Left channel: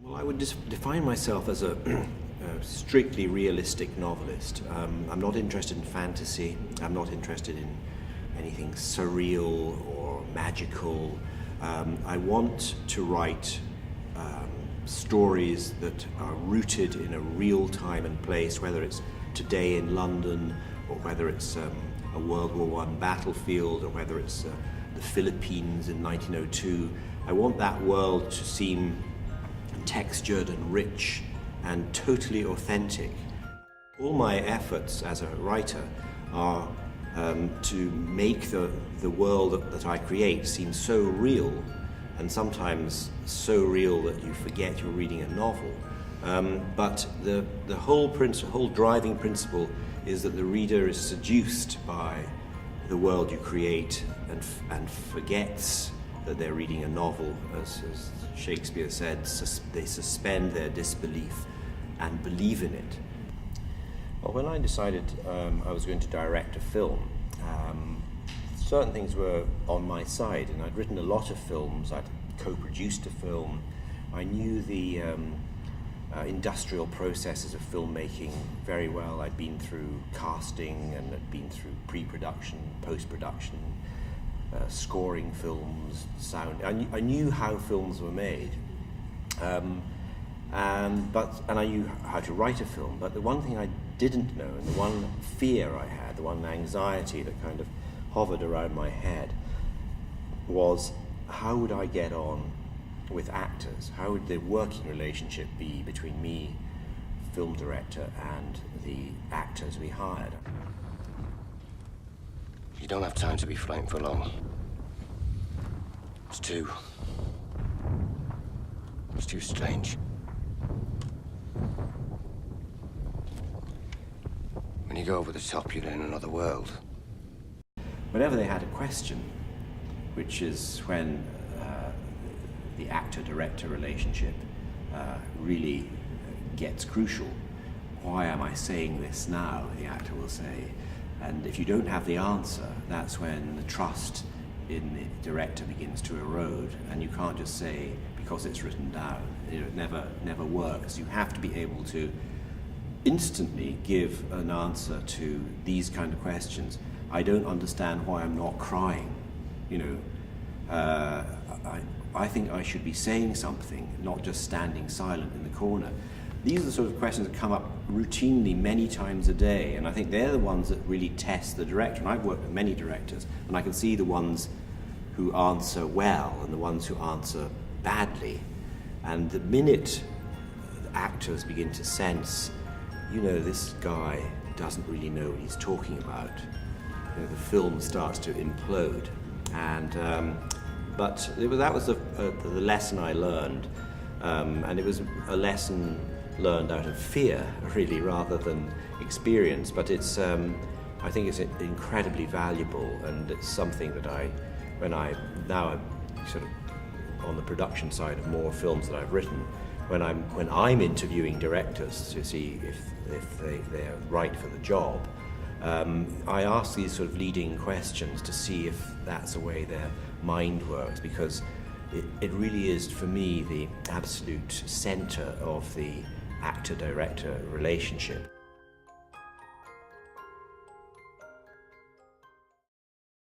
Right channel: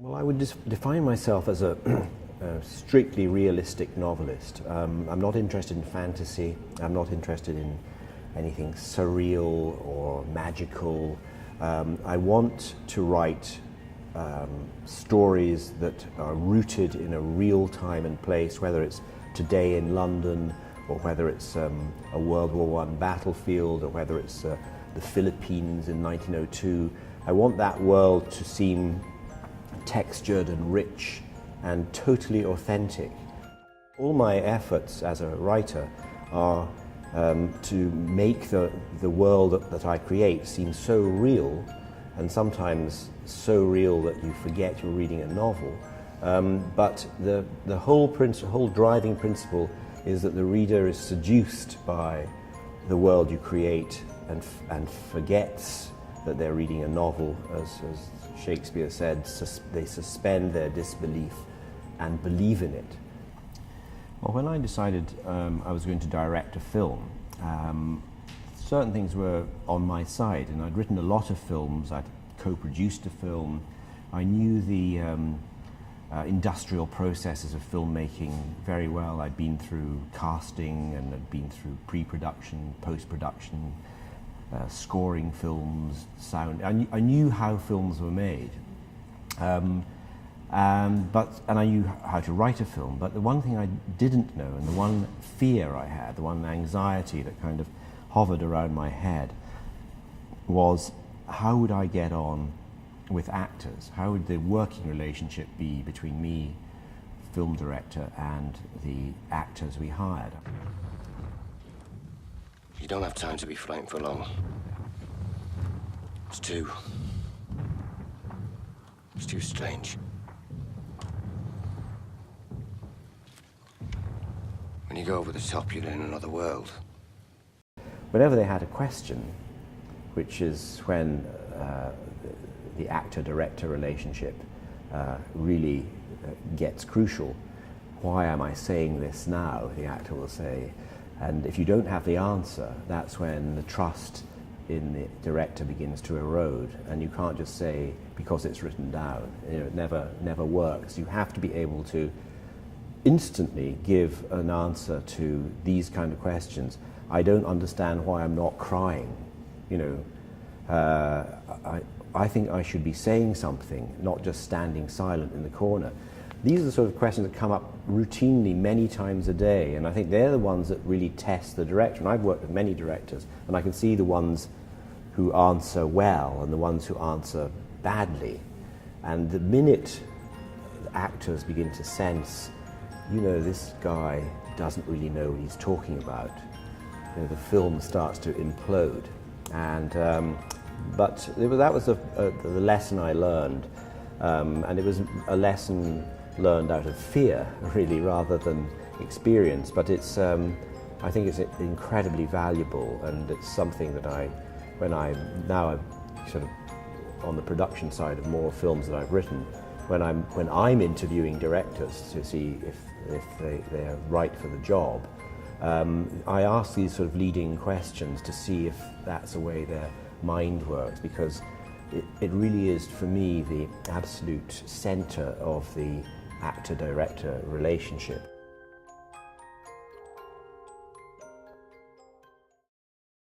Well, I would define myself as a strictly realistic novelist. I'm not interested in fantasy. I'm not interested in anything surreal or magical. I want to write stories that are rooted in a real time and place, whether it's today in London, or whether it's a World War I battlefield, or whether it's the Philippines in 1902. I want that world to seem textured and rich and totally authentic. All my efforts as a writer are to make the world that I create seem so real, and sometimes so real that you forget you're reading a novel. But the whole driving principle is that the reader is seduced by the world you create and forgets that they're reading a novel. As Shakespeare said, they suspend their disbelief and believe in it. Well, when I decided I was going to direct a film, certain things were on my side, and I'd written a lot of films. I'd co-produced a film. I knew the industrial processes of filmmaking very well. I'd been through casting, and I'd been through pre-production, post-production, scoring films, sound. I knew how films were made, and I knew how to write a film. But the one thing I didn't know, and the one fear I had, the one anxiety that kind of hovered around my head, was how would I get on with actors? How would the working relationship be between me, film director, and the actors we hired? You don't have time to be frightened for long. It's too strange. When you go over the top, you're in another world. Whenever they had a question, which is when the actor-director relationship really gets crucial. Why am I saying this now? The actor will say. And if you don't have the answer, that's when the trust in the director begins to erode, and you can't just say because it's written down. You know, it never works. You have to be able to instantly give an answer to these kind of questions. I don't understand why I'm not crying. You know, I think I should be saying something, not just standing silent in the corner. These are the sort of questions that come up routinely many times a day, and I think they're the ones that really test the director. And I've worked with many directors, and I can see the ones who answer well and the ones who answer badly. And the minute actors begin to sense, you know, this guy doesn't really know what he's talking about, you know, the film starts to implode. And but that was the lesson I learned, and it was a lesson learned out of fear, really, rather than experience. But it's, I think it's incredibly valuable, and it's something that now I'm sort of on the production side of more films that I've written. When I'm interviewing directors to see if they're right for the job, I ask these sort of leading questions to see if that's the way their mind works, because it really is, for me, the absolute center of the actor-director relationship.